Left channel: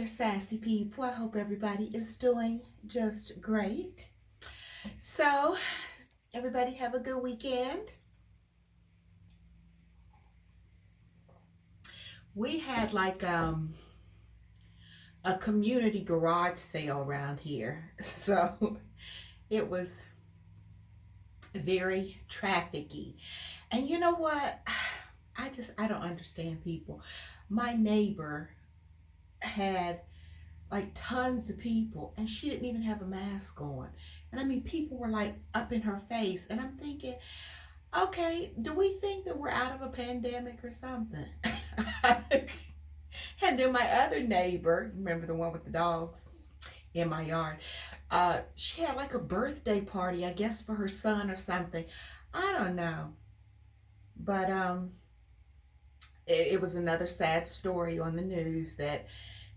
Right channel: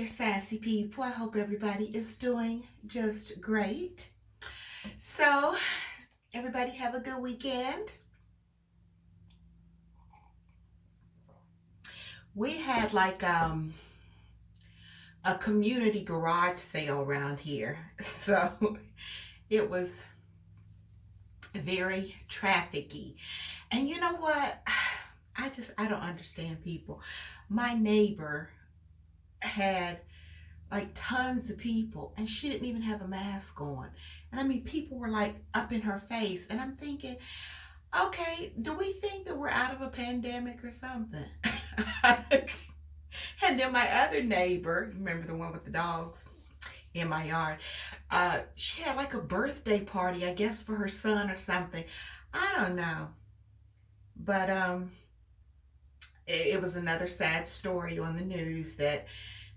there, sassy people. I hope everybody is doing just great. So, everybody have a good weekend. We had like a community garage sale around here. So, it was very trafficky. And you know what? I don't understand people. My neighbor had like tons of people and she didn't even have a mask on. And I mean, people were like up in her face. And I'm thinking, okay, do we think that we're out of a pandemic or something? And then my other neighbor, remember the one with the dogs in my yard, she had like a birthday party, I guess for her son or something. I don't know. But it was another sad story on the news that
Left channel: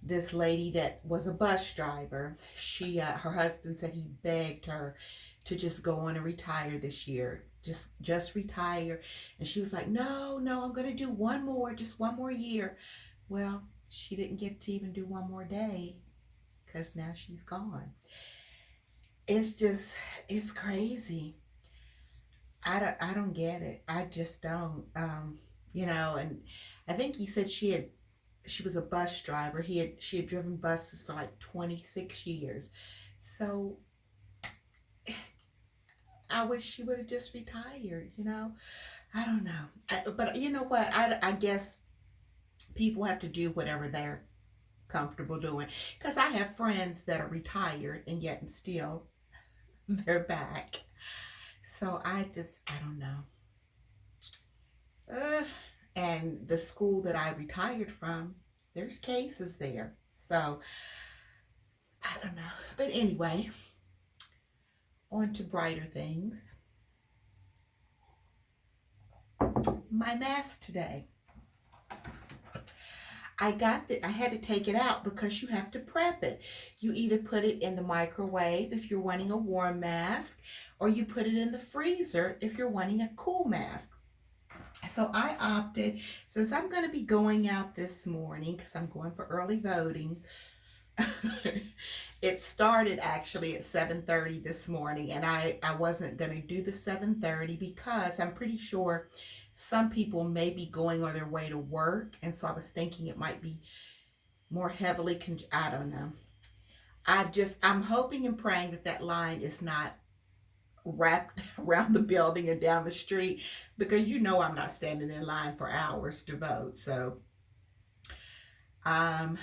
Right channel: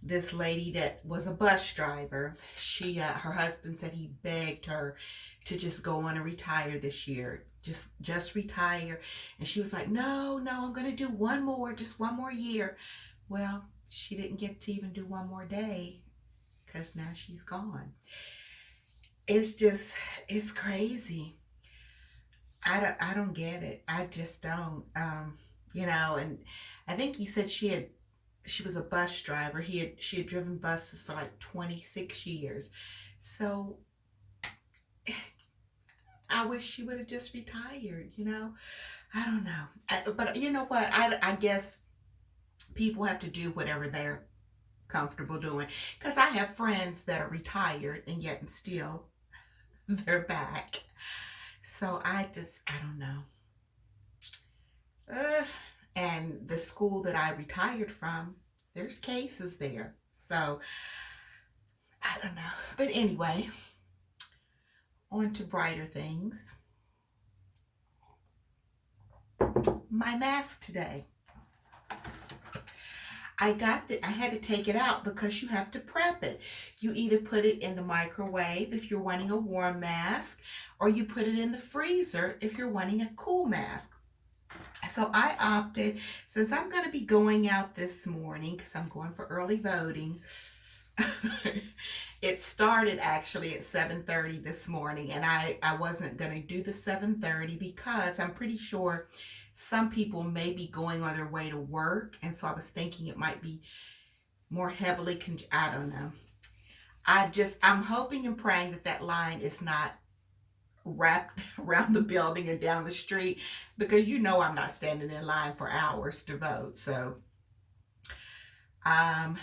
this lady that was a bus driver, her husband said he begged her to just go on and retire this year, just retire. And she was like, no, I'm gonna do just one more year. Well, she didn't get to even do one more day because now she's gone. It's crazy. I don't get it. I just don't. And I think he said she was a you driver. She had driven buses for like 26 years. So I wish she would have just retired. I don't know. But you know what? I guess people have to do whatever they're comfortable doing. Because I have friends that are retired and yet and still they're back. So I don't know. And the school that I retired from, there's cases there. So I don't know. But anyway, on to brighter things. My mask today. I had to take it out because you have to prep it. You either put it in the microwave if you're wanting a warm mask, or you put it in the freezer if you're wanting a cool mask. So I opted, since I'm going to be going out this morning because I'm going for early voting. It started actually at 7:30 this morning, and I wasn't going to do the 7:30 because I'm pretty sure some people may be going on their way to work, and so I was thinking it might be more heavily I don't know. I'm hoping and praying that line is not wrapped around the building and down the street, because I'm not standing in line for hours to vote. So I'm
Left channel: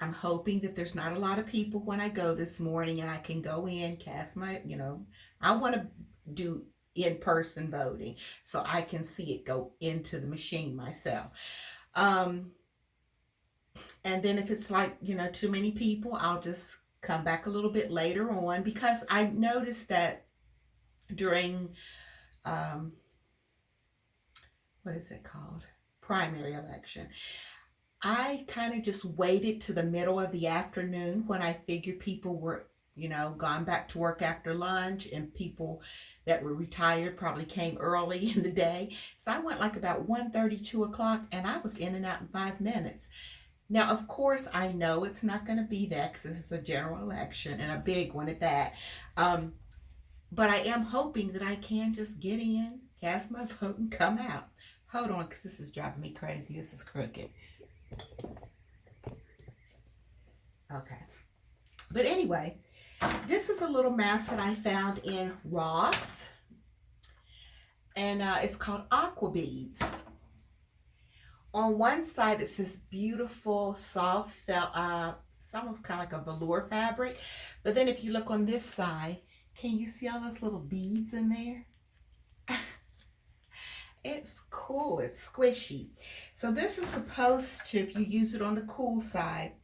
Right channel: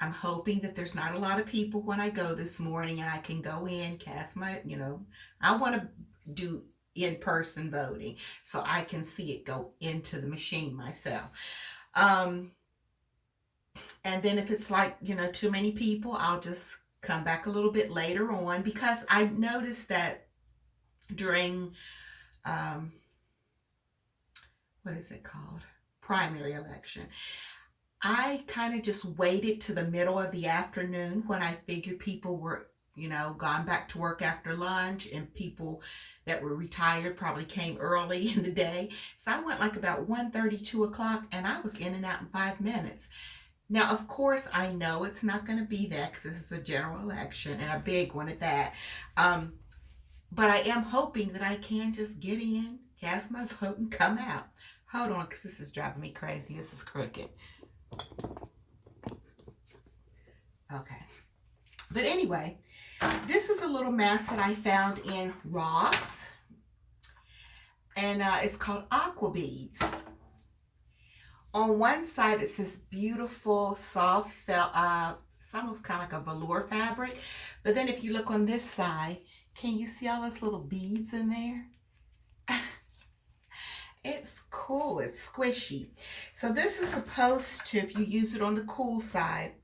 hoping that there's not a lot of people when I go this morning, and I can go in, cast my, I want to do in-person voting so I can see it go into the machine myself. And then if it's like, too many people, I'll just come back a little bit later on, because I noticed that during, what is it called? Primary election. I kind of just waited to the middle of the afternoon when I figured people were, gone back to work after lunch, and people that were retired probably came early in the day. So I went like about 1:30, 2 o'clock, and I was in and out in 5 minutes. Now, of course, I know it's not going to be that because this is a general election, and a big one at that. But I am hoping that I can just get in, cast my vote, and come out. Hold on, because this is driving me crazy. This is crooked. Okay. But anyway, this is a little mask that I found in Ross. And it's called Aqua Beads. On one side, it's this beautiful, soft felt, it's almost kind of like a velour fabric. But then if you look on this side, can you see all those little beads in there? It's cool. It's squishy. So this is supposed to, if you use it on the cool side,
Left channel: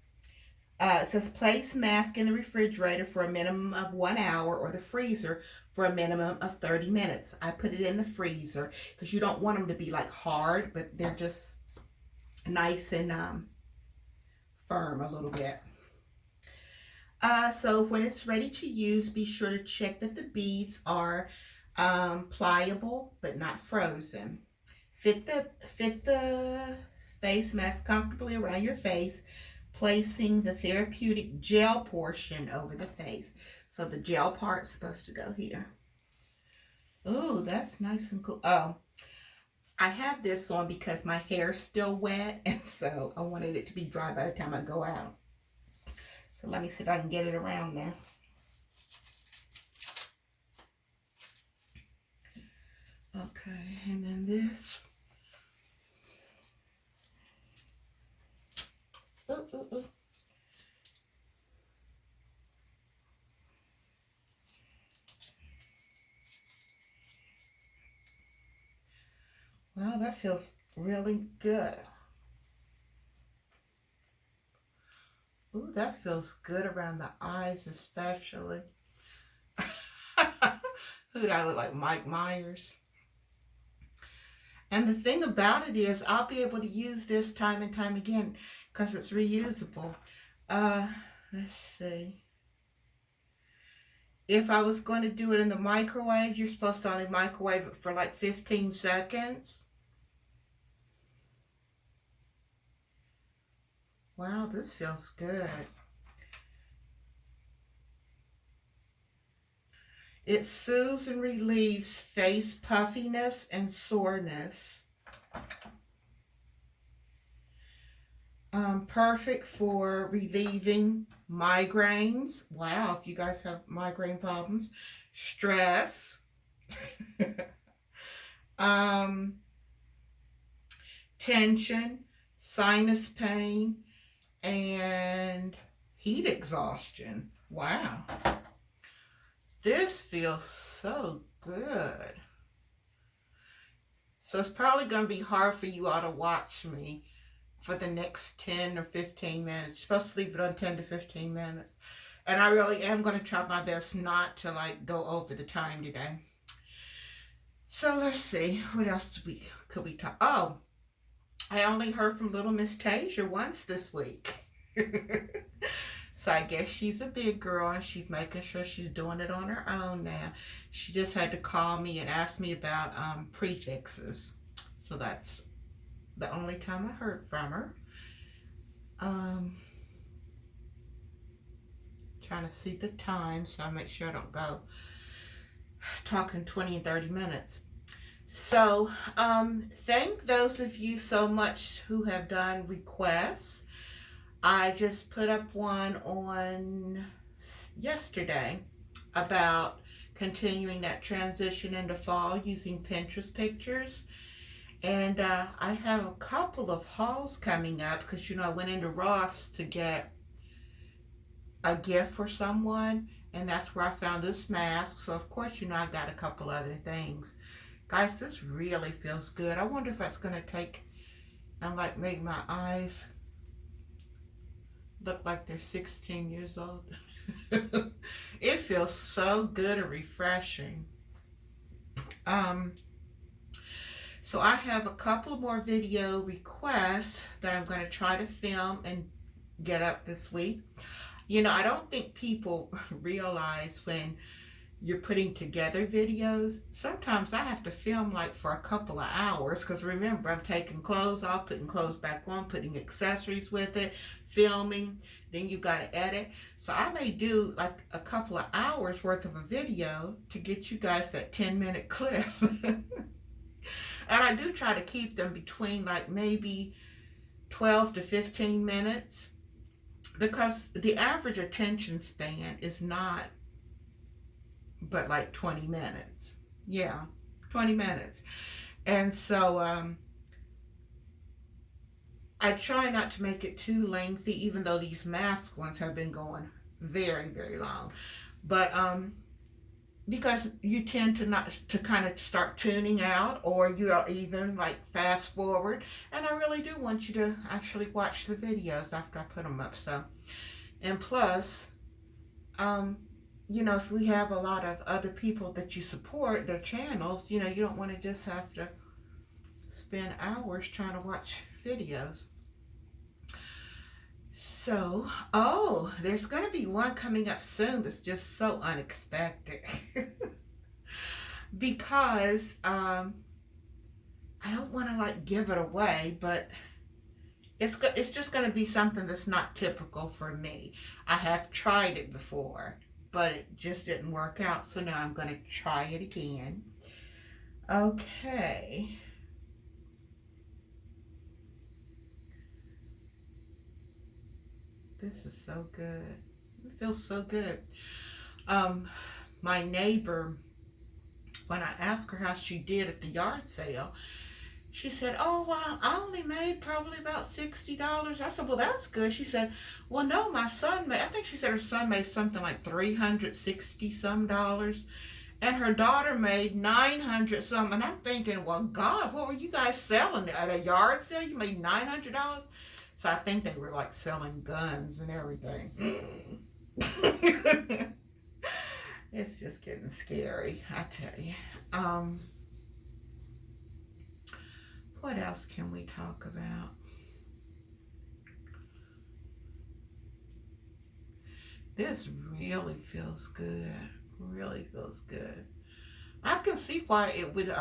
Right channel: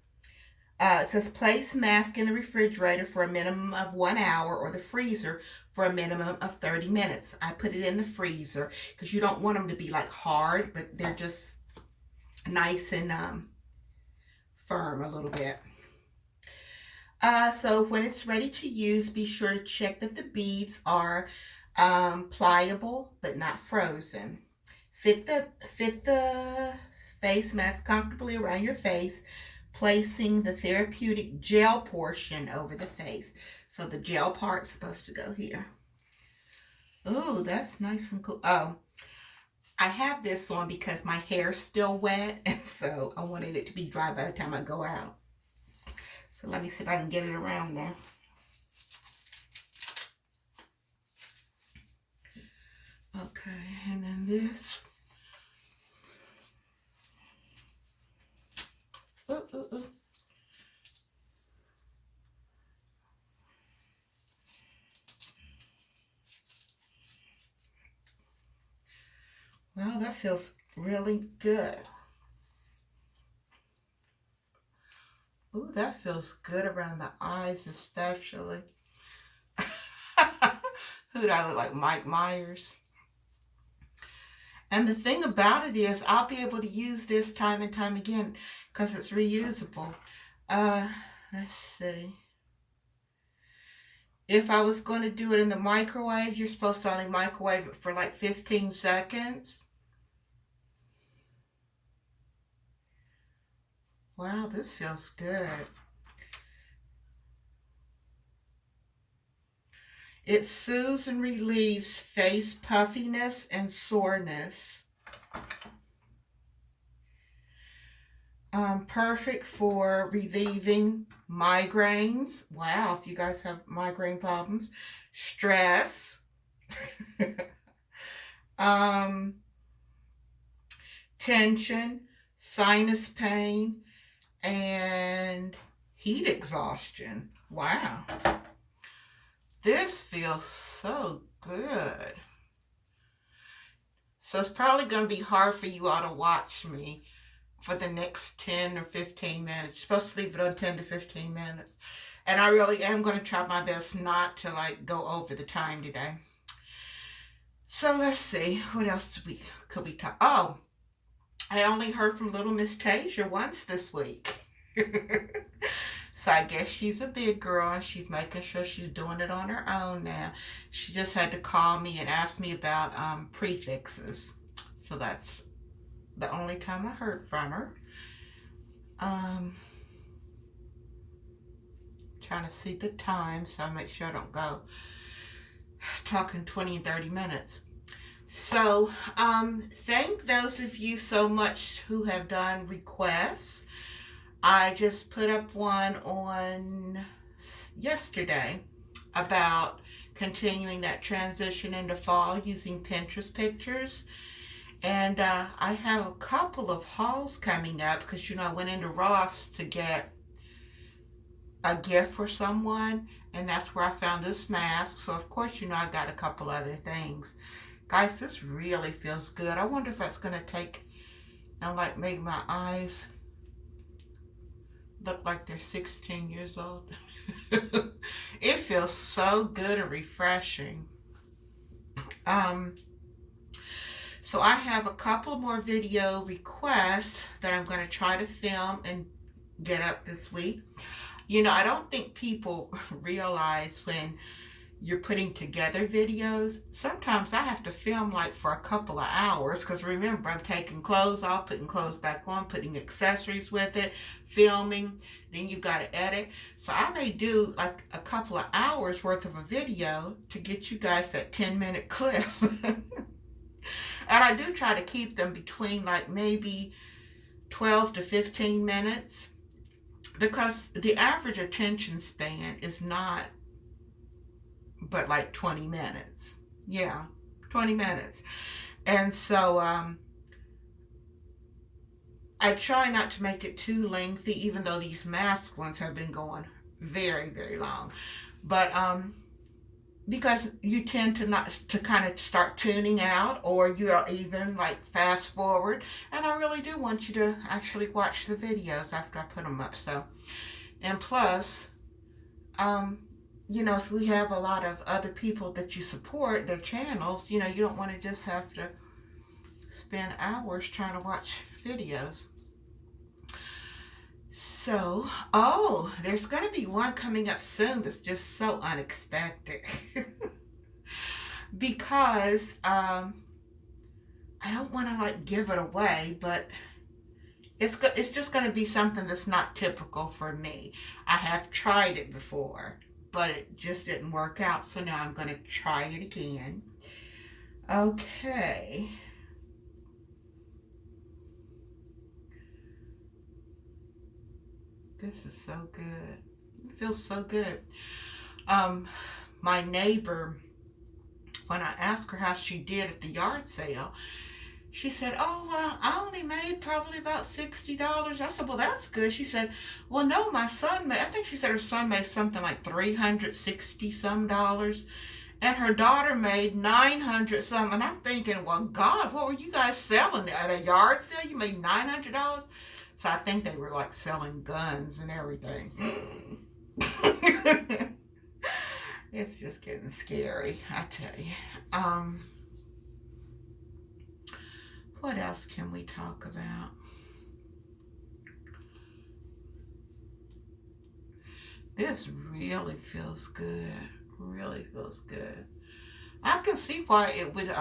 it says place mask in the refrigerator for a minimum of 1 hour, or the freezer for a minimum of 30 minutes. I put it in the freezer because you don't want them to be like hard, but they're just nice and firm a little bit. So when it's ready to use, be sure to check that the beads are pliable but not frozen. Fit the face mask comfortably around your face. placing the therapeutic gel portion over the face. So the gel part's supposed to go here. Oh, that's nice and cool. Oh, I have this on because my hair's still wet, and so I wanted it to be dry by the time I go out. So let me see if I can get it around there. Okay, and then this. Ooh, ooh, ooh. Wow, that feels really good. Ooh, that feels good around the eyes especially. Who do I look like? Mike Myers? And the thing about it is I'll be able to use this time and time again because it's reusable. Let's see. If I was going to do it in the microwave, you're supposed to only microwave it for like 15 seconds. Wow, this feels good. It soothes and relieves face puffiness and soreness. Perfect for relieving migraines. Wow, if you guys have migraine problems. Stress. Tension, sinus pain, and heat exhaustion. Wow. This feels so good. So it's probably going to be hard for you all to watch me for the next 10 or 15 minutes. You're supposed to leave it on 10 to 15 minutes. And I really am going to try my best not to like go over the time today. So let's see. What else could we talk? Oh, I only heard from little Miss Tasia once this week. So I guess she's a big girl and she's making sure she's doing it on her own now. She just had to call me and ask me about prefixes. So that's the only time I heard from her. Trying to see the time so I make sure I don't go talking 20 and 30 minutes. So thank those of you so much who have done requests. I just put up one on yesterday about continuing that transition into fall using Pinterest pictures. And I have a couple of hauls coming up because, you know, I went into Ross to get a gift for someone. And that's where I found this mask. So, of course, you know, I got a couple other things. Guys, this really feels good. I wonder if that's going to take and, like, make my eyes look like they're 16 years old. It feels so good and refreshing. So I have a couple more video requests that I'm going to try to film and get up this week. You know, I don't think people realize when you're putting together videos, sometimes I have to film like for a couple of hours because remember, I'm taking clothes off, putting clothes back on, putting accessories with it, filming, then you got to edit. So I may do like a couple of hours worth of a video to get you guys that 10-minute clip. And I do try to keep them between like maybe 12 to 15 minutes because the average attention span is not but like 20 minutes. Yeah, 20 minutes. And so I try not to make it too lengthy, even though these mask ones have been going very, very long. But because you tend to not to kind of start tuning out, or you'll even like fast forward. And I really do want you to actually watch the videos after I put them up. So, and plus, you know, if we have a lot of other people that you support their channels, you know, you don't want to just have to spend hours trying to watch videos. So, oh, there's going to be one coming up soon that's just so unexpected. Because I don't want to like give it away, but it's just going to be something that's not typical for me. I have tried it before, but it just didn't work out. So now I'm going to try it again. Okay. This is so good. It feels so good. Um, my neighbor, when I asked her how she did at the yard sale, she said, "Oh, well, I only made probably about $60." I said, "Well, that's good." She said, "Well, no, my son made," I think she said her son made something like 360 some dollars, and her daughter made 900 some. And I'm thinking, well, God, what were you guys selling at a yard sale? You made $900? So I think they were like selling guns and everything. It's just getting scary, I tell you. What else can we talk about? This really feels good. Really feels good. I can see why it would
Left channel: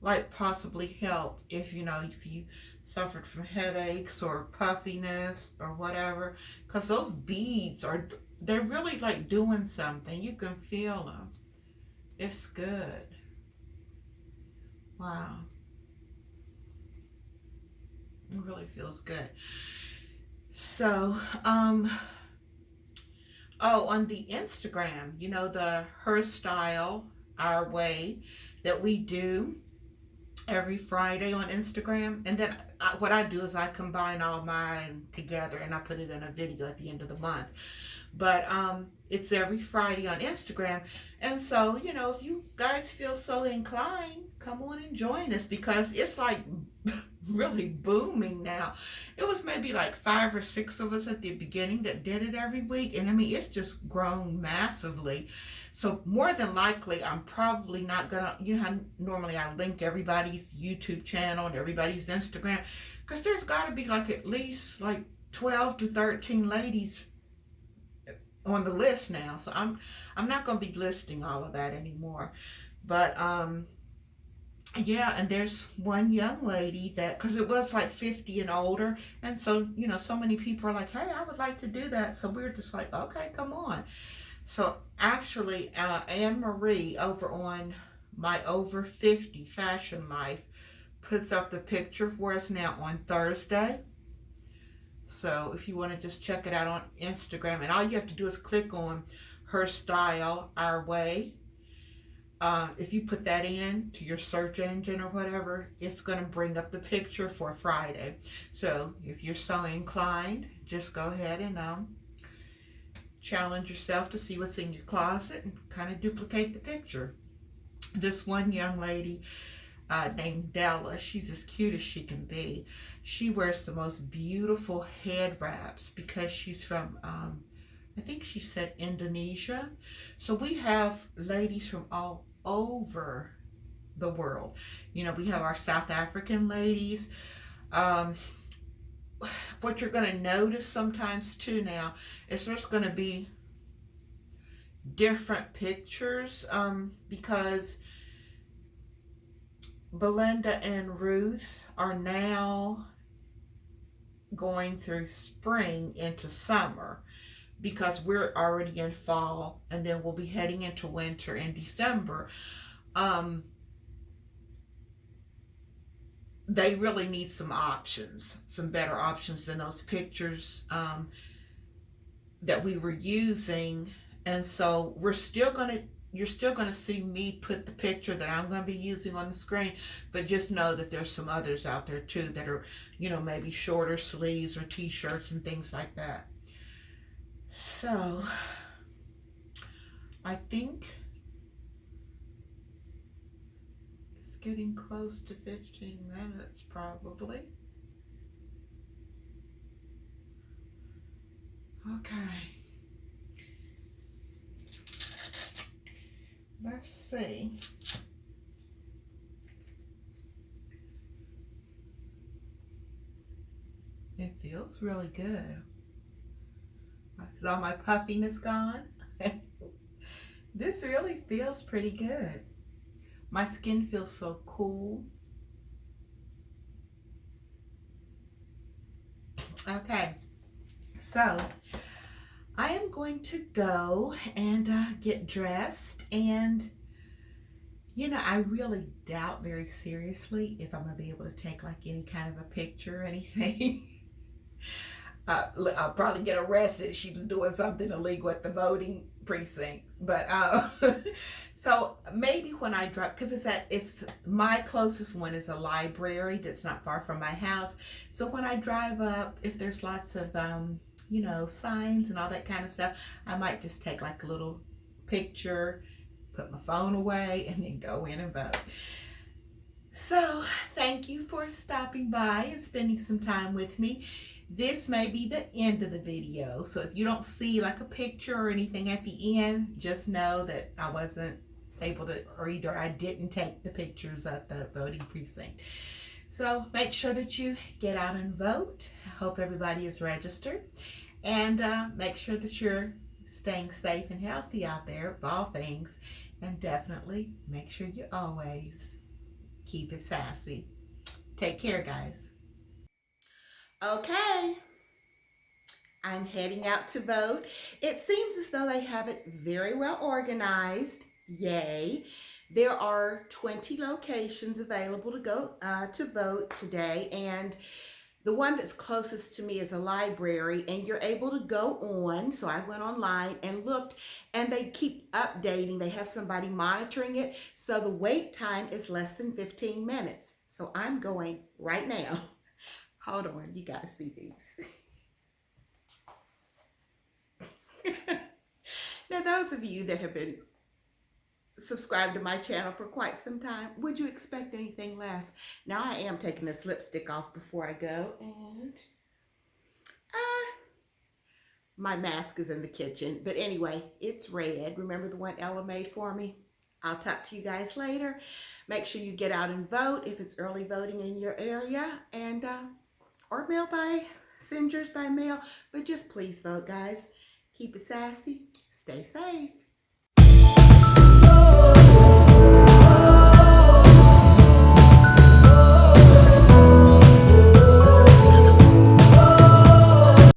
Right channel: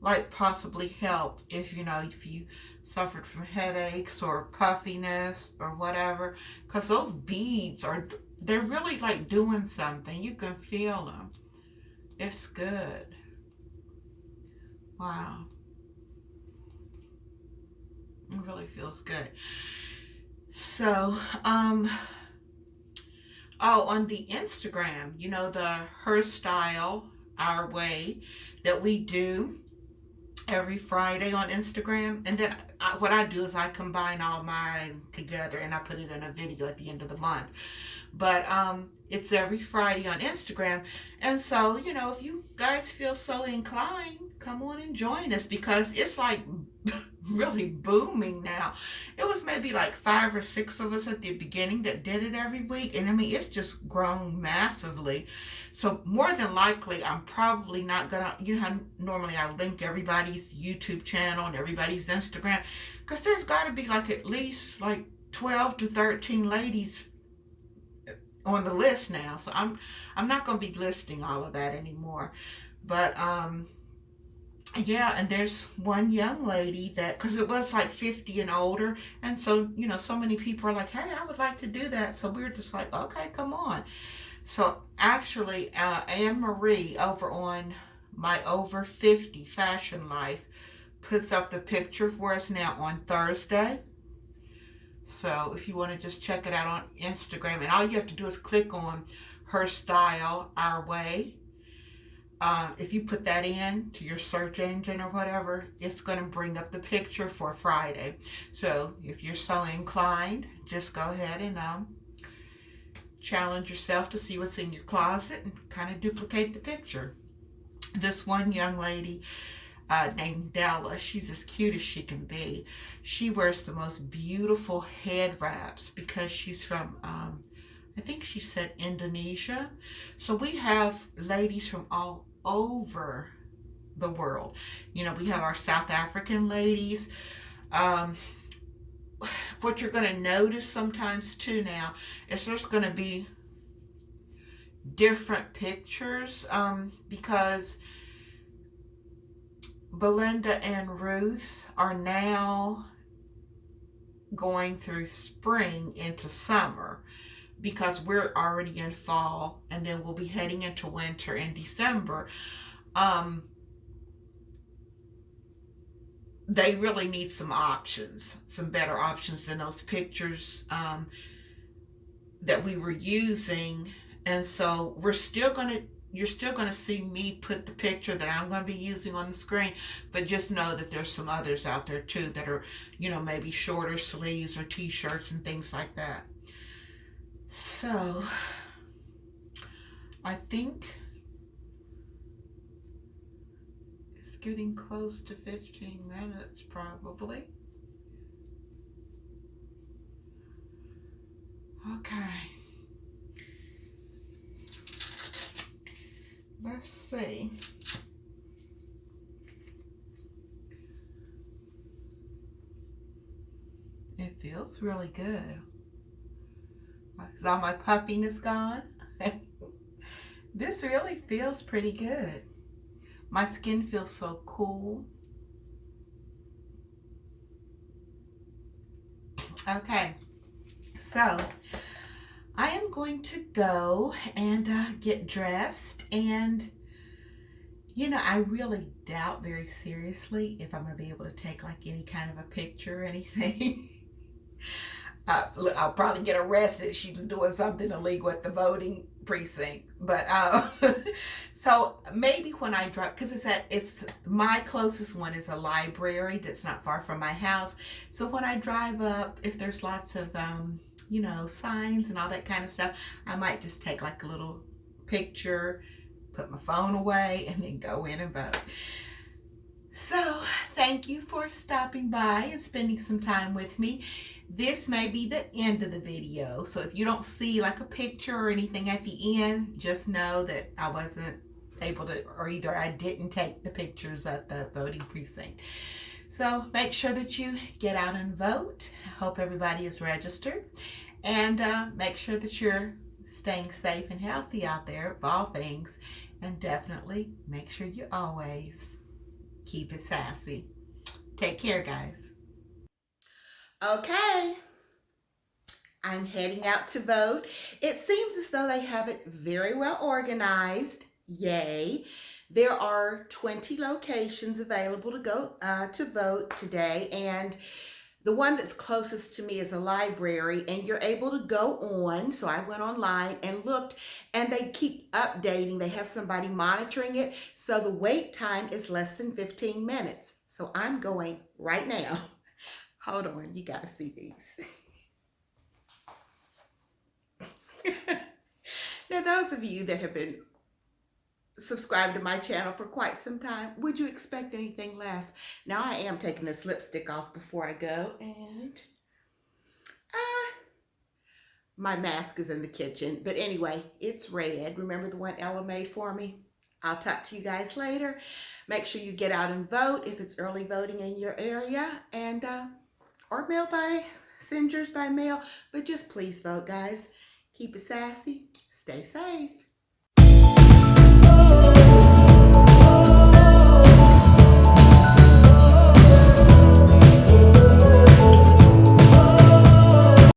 like possibly help if if you suffered from headaches or puffiness or whatever, because those beads they're really like doing something. You can feel them. It's good. Wow. It really feels good. So, oh, on the Instagram, the Her Style Our Way that we do every Friday on Instagram. And then what I do is I combine all mine together and I put it in a video at the end of the month. But it's every Friday on Instagram. And so, if you guys feel so inclined, come on and join us, because it's like really booming now. It was maybe like 5 or 6 of us at the beginning that did it every week. And I mean, it's just grown massively. So more than likely, I'm probably not gonna, how normally I link everybody's YouTube channel and everybody's Instagram, because there's got to be like at least like 12 to 13 ladies on the list now. So I'm not going to be listing all of that anymore. But yeah, and there's one young lady that, because it was like 50 and older, and so so many people are like, "Hey, I would like to do that." So we're just like, "Okay, come on." So actually, Anne Marie over on my Over 50 Fashion Life puts up the picture for us now on Thursday. So if you want to just check it out on Instagram, and all you have to do is click on Her Style Our Way. If you put that in to your search engine or whatever, it's going to bring up the picture for Friday. So if you're so inclined, just go ahead and challenge yourself to see what's in your closet and kind of duplicate the picture. This one young lady named Della, she's as cute as she can be. She wears the most beautiful head wraps because she's from, I think she said Indonesia. So we have ladies from all over the world. We have our South African ladies. What you're going to notice sometimes too now is there's going to be different pictures because Belinda and Ruth are now going through spring into summer, because we're already in fall, and then we'll be heading into winter in December. They really need some options, some better options than those pictures that we were using. And so you're still gonna see me put the picture that I'm gonna be using on the screen, but just know that there's some others out there too that are, maybe shorter sleeves or t-shirts and things like that. So I think it's getting close to 15 minutes probably. Okay. Let's see. It feels really good. Is all my puffiness gone? This really feels pretty good. My skin feels so cool. Okay, so I am going to go and get dressed. And, I really doubt very seriously if I'm going to be able to take like any kind of a picture or anything. I'll probably get arrested if she was doing something illegal at the voting precinct. But so maybe when I drive, because it's my closest one is a library that's not far from my house. So when I drive up, if there's lots of signs and all that kind of stuff, I might just take like a little picture, put my phone away, and then go in and vote. So thank you for stopping by and spending some time with me. This may be the end of the video, so if you don't see like a picture or anything at the end, just know that I wasn't able to, or either I didn't take the pictures at the voting precinct. So make sure that you get out and vote. I hope everybody is registered, and make sure that you're staying safe and healthy out there of all things, and definitely make sure you always keep it sassy. Take care, guys. Okay, I'm heading out to vote. It seems as though they have it very well organized. Yay. There are 20 locations available to go to vote today, and the one that's closest to me is a library, and you're able to go on. So I went online and looked, and they keep updating. They have somebody monitoring it, so the wait time is less than 15 minutes. So I'm going right now. Hold on, you gotta see these. Now, those of you that have been subscribed to my channel for quite some time, would you expect anything less? Now, I am taking this lipstick off before I go, and my mask is in the kitchen. But anyway, it's red. Remember the one Ella made for me? I'll talk to you guys later. Make sure you get out and vote if it's early voting in your area, and or send yours by mail, but just please vote, guys. Keep it sassy, stay safe.